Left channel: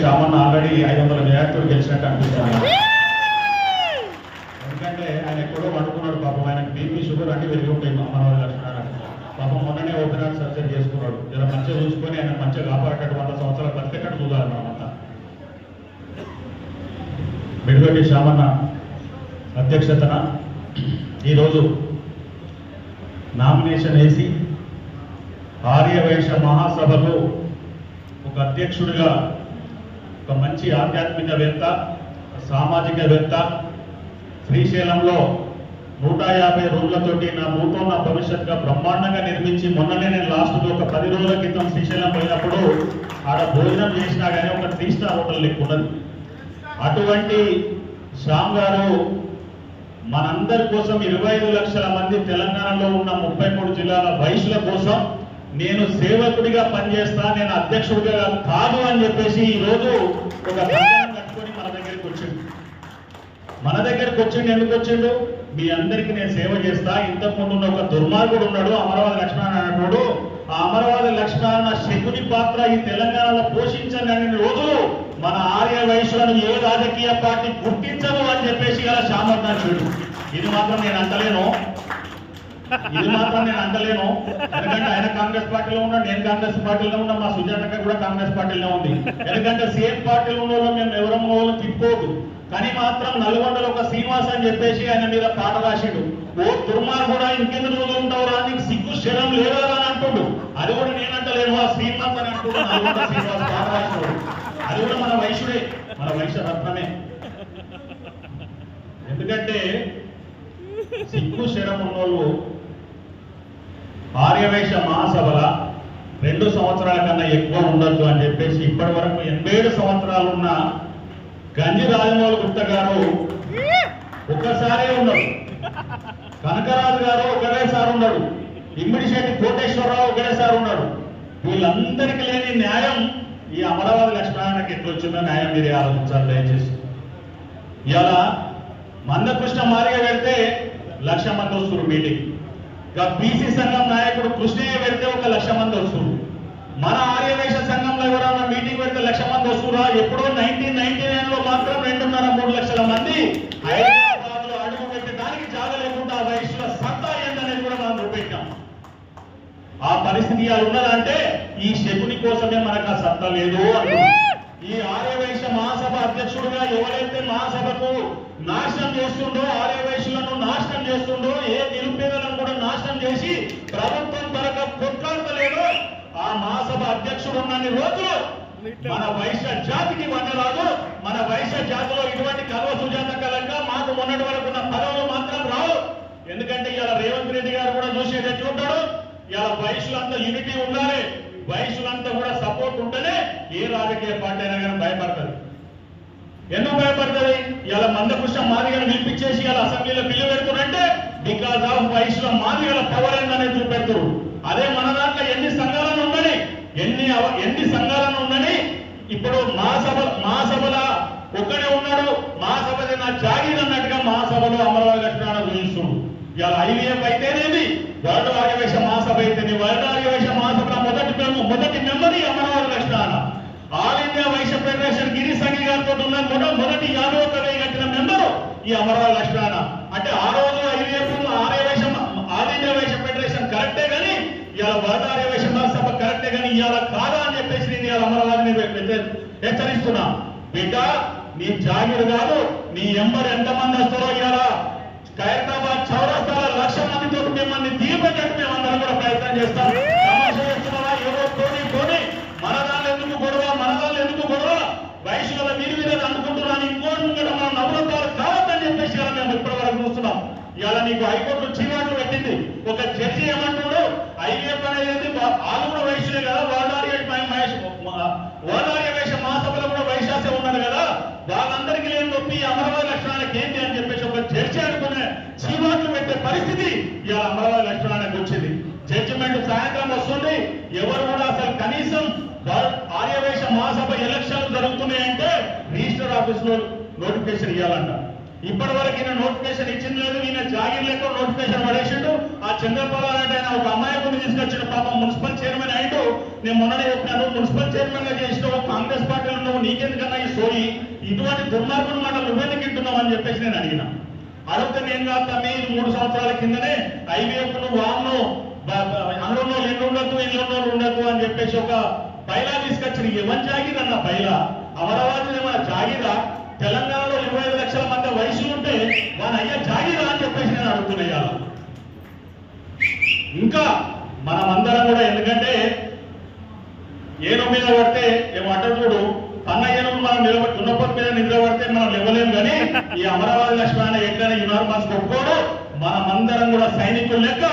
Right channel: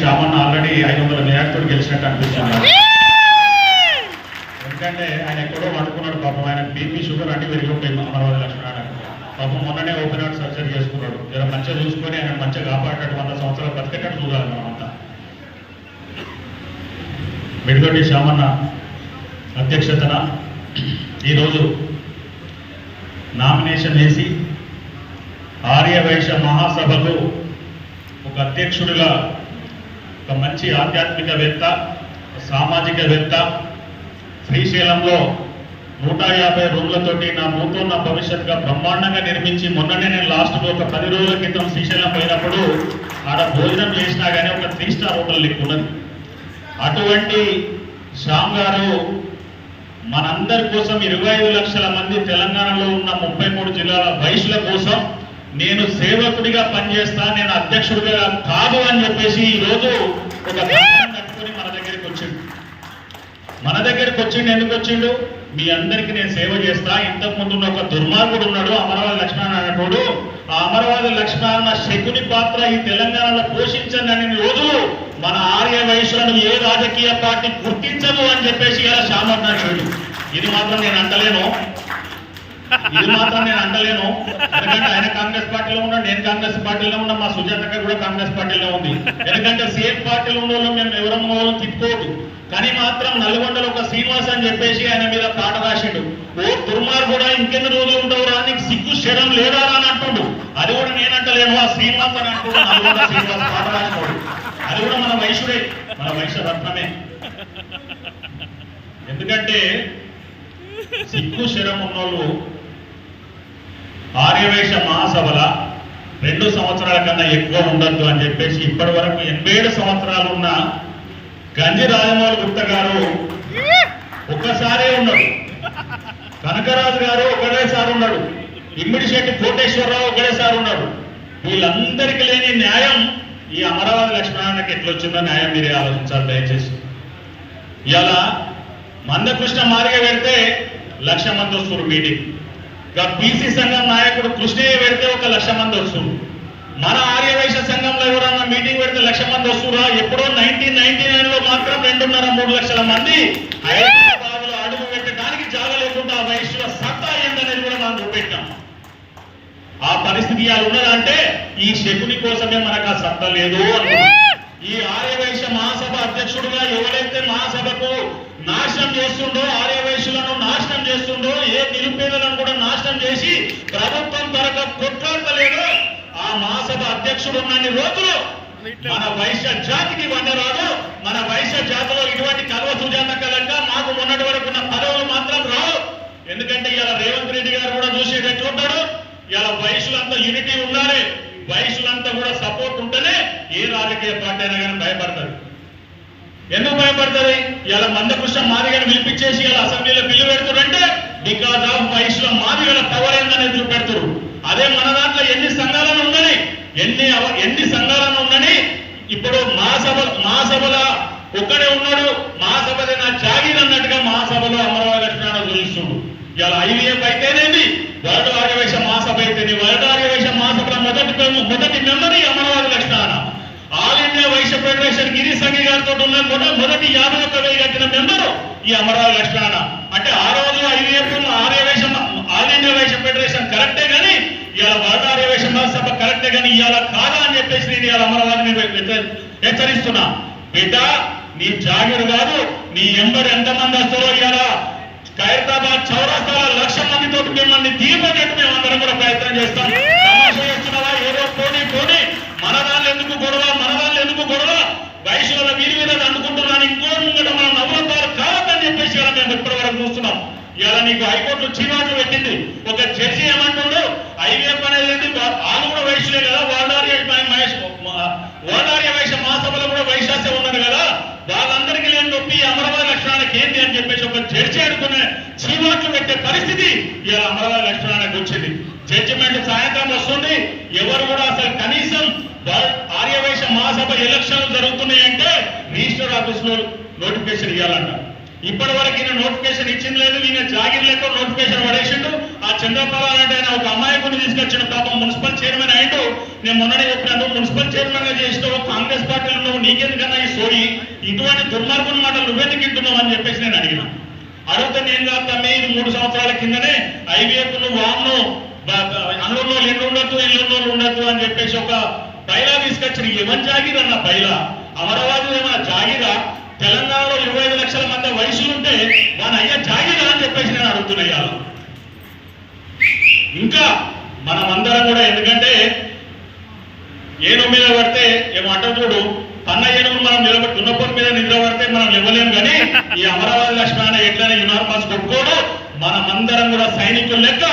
శ్యామన్న already ఐదు వందల మేయర్తో గెలిచినట్టు అనిపిస్తుంది. ఎందుకంటే ఆయన ఎక్కడో పడుకున్నాడు పాపం. ఆయన బీపీ షుగర్ అంటే పెరిగి అమరావతి లక్ష్మణ పాపం మొన్ననే ఓపెన్ హార్ట్ సర్జరీ చేసుకున్నాడు. ఇలా మంచిగా చూసుకొని ఆయన మంచిగా కాపాడేటట్టు వంద సంవత్సరాలు బతికేటట్టు చూడాలి మనమంతా మిడిగొట్టి శ్యామన్న అధ్యక్షతన ఈరోజు నామినేషన్ వేసి ఆర్యవైశ్య మహాసభకు ఒక అధ్యక్షుడిగా ఒక మంచి ఆధ్యాత్మికవేత్త సామాజికవేత్త. శ్రీశైలంలో నూట యాభై రూమ్లతోటి నా నూతన భవిష్యత్తుగా బ్రహ్మాండంగా నిర్మించి మొన్ననే నేను లాస్ట్ ఒక పది రోజుల క్రితం శ్రీశైలం పోయినప్పుడు ఆడ భోజనం చేసినా కానీ ఒక త్రీ స్టార్ హోటల్ లెక్క ఉన్నది అటువంటి శ్యామ్ గారు మనందరి కోసం ఇరవై ఐదు లక్షల మంది తెలంగాణలో ఉన్న ముప్పై మూడు జిల్లాల వయసుల కోసం నేను సేవకుడిగా పనిచేస్తా నేను అధ్యక్షుడిగా కాదు అని చెప్పేసి ఈరోజు ఒక కట్టుకొని మన దగ్గరికి వచ్చిండు. మన దగ్గరికి వచ్చిండు ఎందుకు వచ్చిండు? మీ అందరికి నేను సేవ చేస్తా. ఇంతకు ముందు ఒక దుర్మార్గుడు ఉన్నాడు అమరవాది లక్ష్మణ అన్నప్పుడు ఆ అమరవాది లక్ష్మణ శకుని పాత్ర ఈ తెలంగాణలో పోషించండి రోజులు మన ఆర్య వయసులను ఏ రాజకీయ పార్టీ గుర్తించదు అని చెప్పేసి ఇలా శామన్నాడు ఇది మాత్రం నేను అంటలేను. ఇది మాత్రం నేను అంటలేను. ఎందుకంటే ఆయన కాంగ్రెస్ పార్టీలో ఉన్నాడు నేను కాంగ్రెస్ పార్టీలో ఉన్నా మా సుజాత గారు కూడా కాంగ్రెస్ పార్టీలో ఉంది. ఎందుకంటే సేమ్ పార్టీలో ఉన్న వాళ్ళు మేము ఎవరం వాళ్ళం తిప్పుకోదు కానీ మాత్రం నల్గొండలో ఒక శ్రీనివాస్ అని చెప్పేసి ఆయన మీద పాట రాసిండు. ఓ దుర్మార్గుడా ఇంకెన్ని రోజులు ఉండవురా నీకు సిగ్గు శరం లేదా అని అంటుండు. అది కూడా నేనంటలేను ఆ శ్రీనివాస్ అని అంటుండు నల్గొండ శ్రీనివాస్ పాట రాసినోడు. అది కూడా మన వైశ్యుడే మన వైశ్య రత్నమే ఎందుకంటే సిగ్గు శరం ఉన్నోళ్ళు ఆర్యవేశ మహాసభల రెండు సంవత్సరాల కన్నా ఎక్కువ ఉండొద్దు అని చెప్పేసి ఇప్పటి వరకు ఎనభై ఏడు సంవత్సరాలు ఉన్న గంజి రాజమౌళి గుప్త గారు ఒక్కసారే ఉన్నాడు కనకరాజు గారు ఒకటేసారి ఉన్నాడు ఇమ్మిడిశెట్టి కోటేశ్వరరావు ఒకటేసారి ఉన్నాడు వీళ్ళందరికీ లేని న్యాయం ఈ అమరావతి లక్ష్మణానికి ఎట్లా వచ్చిందో న్యాయం మీరే ఆలోచించాలి దయచేసి. ఇలా మందకృష్ణ మార్గ పెడితే లక్ష మంది వస్తున్నారు మీటింగ్. బీసీ సంఘం నాయకుడు కృష్ణయ్య పెడితే ఒక లక్ష మంది వస్తున్నారు. మన ఆర్యవైశ్య సంఘంలో ఎవరన్నా మీటింగ్ పెడితే లక్ష మంది వస్తురా? ఎప్పుడో నైన్టీన్ నైన్టీ నైన్లో మాత్రం రెండున్నర మూడు లక్షల మంది అడుగు పెట్టడానికి జాగ లేకుండా ఆ సత్త సత్తా ఏందనేది కూడా మనం చూపెట్టాం ఆ పరిస్థితి అలా ఉన్నదంటే ఈ శకుని కోసమే మనకు ఆ సత్తా లేదు ఈ ఆర్యవైశ్య మహాసభ అధ్యక్షుడుగా ఎవరైతే మహాసభకు నాశనం చేస్తుండో అధ్యక్షుడు ఉన్నన్ని రోజులు మన వైశ్య జాతికి వండరాదు మన వైశ్య జాతిలో ఇటువంటి కలవ సుజాత కలంగా మాకు మొన్నటి వరకు ఉన్న పదవులు మాత్రం రావు. ఎందుకంటే ఇలా రేవంత్ రెడ్డి గారు కూడా చూసేది ఎట్లుంటాడు ఇలా వయసులంతా యూనిటీ ఉండాలి. వయసులంతా కూడా సపోర్ట్ ఉంటేనే ఏ రాజకీయ పార్టీ అయినా కానీ భయపడతారు. ఎందుకు భయపడతారు? ఇలా మందకృష్ణ మాదిగను పిలిపించేసి ఇలా అసెంబ్లీలో బిల్లు పెడుతుంటే బికాజ్ ఆఫ్ వయసులో మాదిగల పవర్ ఏందనేది చూపెడతారు. అదే మన దాంట్లో ఎన్ని ఉందని ఎన్ని ఎన్ని సంఘాలను ఉన్నని ఇప్పుడు మా సభ మా సభల ఒక్కడే ఉన్నాడు. మా సభది నా జాగీర్ అన్నట్టుగా మా సభలో అమరావతి లక్ష్మణ చూపిస్తుడు ఇలా ఐవీఎఫ్ అయితేనేమి? వరల్డ్ ఆర్యవేశ మహాసభ అయితేనే వరల్డ్ ఆర్యవేశ మహాసభ మొదటి మొదటి member Amaravati Lakshmana all India Vaishya federation Giri Sanghi గారితో ఉన్న మొద- మొదటి యాభై ఒక్క వెయ్యి కట్టిన మెంబరు ఈ అమరావతి లక్ష్మణ అంటే ఆరో కరెక్టే కానీ ఇవాళ కాదా అని చెప్పేసి నేను ఇవాళ అమరావతిని హెచ్చరిస్తున్నా. బిడ్డ నీ జాగిరు కాదు నీ ఎంబర్ ఎంతమంది వస్తారో ఇవాళ ఖైరతాబాద్ చౌరస్తాల లక్ష మందితో మిమ్మల్ని దీపకెట్టు మేము అందరం కూడా ప్రయత్నం చేస్తాం. ఏదో పోనీ పోనీ. మన వాళ్ళు ఎందుకు గొడవ? మన వాళ్ళు ఎందుకు గొడవ? వయసుల వీరి మీద అనుకుంటున్నాను. ఇంకో నవ్వుతారు కావద్దని చెప్పేసి మేము చూస్తున్నాం. ఇలా నీకు హైకోర్టు చీవాట్లు పెట్టింది. ఒక జడ్జి ఏమంటుందో ఐవీఎఫ్ అనేది ఏంటి? వా- వాళ్ళు కూడా వయసులే కదా వాళ్ళార్య మహేష్ వాళ్ళార్య వయసు మహాసభలో కూడా వైశాస్యం ఉన్నారు కదా వాళ్ళందరికీ లేని నొప్పి ఈ అమరావతి లక్షణానికి ఏంటి అని చెప్పేసి చీవాట్లు పెట్టే పరిస్థితి ఇలా అమరావతి లక్షణానికి వచ్చింది. జడ్జిమెంట్ సాయంత్రం వస్తుంది. ఎవరు కూడా అసలు కనీసం ఆర్యవేశ మహాసభ ఎలక్షన్లు జరుగుతున్నాయంటే రిజిస్టర్ ఆఫీస్లో నోటిఫికేషన్ ఇవ్వాలంట. ఇప్పటి వరకు ఈయన నోటిఫికేషన్ ఇచ్చింది లేదు ఈయన జాగిర్ లెక్క నోటిఫికేషన్ పడేసిండు. ఆ చంద్రబాబు అంటే ఆయన ఒక అమాయకుని తీసుకొచ్చిన పాపం మున్సిపల్ చైర్మన్ అయిండు. నేను మొన్ననే చెప్పినాను మున్సిపల్ చైర్మన్గా చేసినావు కాంగ్రెస్ పార్టీలో నీకెందుకన్నా ఈ సోయి? ఇటువంటి దుర్మార్గం మాటలు నువ్వెందుకు ఇంటున్నావు అని చెప్పేసి నేను అడిగినా. అడిగితే నేను కాదు తమ్మి ఇది మూడు సంవత్సరాల కిందనే ఐవీఎఫ్ను వామ్ను అందులో ఇల్లు ఉండొద్దు ఇల్లు ఉండొద్దు అని చెప్పేసి ఒక బైలా తీసుకొచ్చిన ఎవరి జాగిర్ అన్న బైలా. అమరావతి ఏమైనా జాగిరా? తెలంగాణలో ఇరవై ఐదు లక్షల మంది వయసులు ఉంటే మన అయ్య జాగిరా అని చెప్పేసి నేను అడుగుతున్నా ఇంకా మనమందరం కూడా ఎందుకంటే ఏ మీద పడితే ఏమంట చూడు ఏనుగు మనం నిలబడి దున్నపోతు మీద నిద్ర పడితే మనం ఇవ్వలేము కానీ ఈ అమరావతి లక్ష్మణ ఎట్లనే యునార్మల్స్ కొట్టుకోడు. మనమందరం కూడా సైనికులు లెక్క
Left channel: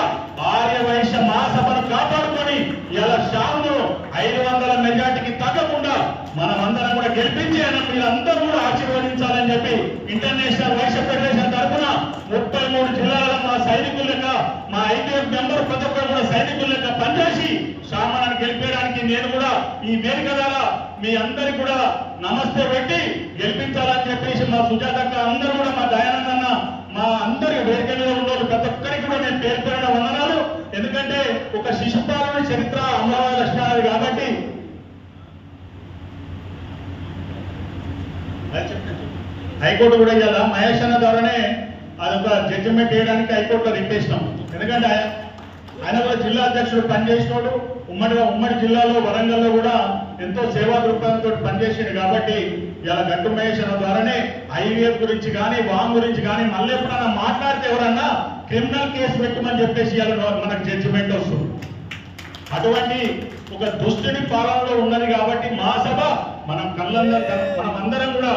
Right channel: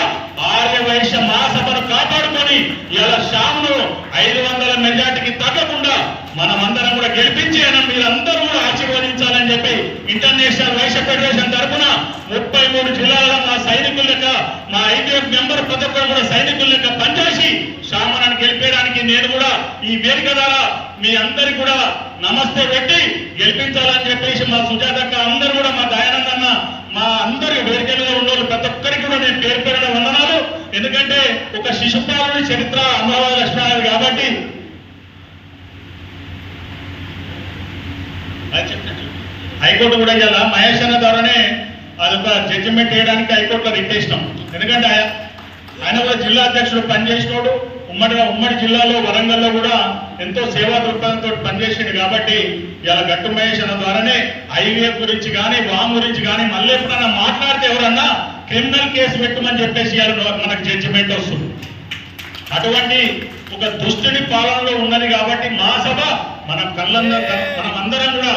ఆర్య వైశ్య మహాసభను కాపాడుకొని ఇలా షామును ఐదు వందల మెజార్టీకి తగ్గకుండా మనమందరం కూడా గెలిపించి ఆయన మీరందరూ కూడా ఆశీర్వదించాలని చెప్పి ఇంటర్నేషనల్ వైశ్య ఫెడరేషన్ తరఫున ముప్పై మూడు జిల్లాల మా సైనికుల లెక్క మా ఐటీఎఫ్ మెంబర్ ప్రతి ఒక్కరు కూడా సైనికుల లెక్క పనిచేసి శ్యామలను గెలిపేయడానికి నేను కూడా ఈ వేదిక ద్వారా మీ అందరు కూడా నమస్తే పెట్టి గెలిపించాలని చెప్పేసి మా సుజాతక్క అందరూ కూడా మా దయానందన్న మా అందరి వేదిక మీద ఉన్న ప్రతి ఒక్కరికి కూడా నేను పేరు పేరున వందనాలు. ఎందుకంటే ఒక శిశుపాలని చరిత్ర అమరావతి లక్ష్మణాది కాబట్టి. హైకోర్టు కూడా ఇవాళ మహేష్ అన్న ద్వారానే అదొక జడ్జిమెంట్ చేయడానికి హైకోర్టులో రిక్వేసినాం ఎందుకంటే ఆయన- ఆయన కూడా జిల్లా అధ్యక్షుడు పనిచేసినోడు. ఉమ్మడిగా ఉమ్మడి జిల్లాలో వరంగల్లో కూడా ఎంతో సేవా దృక్పథంతో పనిచేసిండు కాబట్టి ఇలా గట్టు మహేష్ అన్న ద్వారానే హైవే గురించి కానీ వామ్ గురించి కానీ మళ్ళీ ఎప్పుడన్నా మాట్లాడితే ఎవరన్నా క్రిమినల్ కేసు పెట్టమని చెప్పేసి మనకు జడ్జిమెంట్ వస్తుంది. అటువంటి ఒక దుష్టుని పాలనలో ఉన్నది కాబట్టి మా సభ మన కళ్ళందరూ మనం అందరం కూడా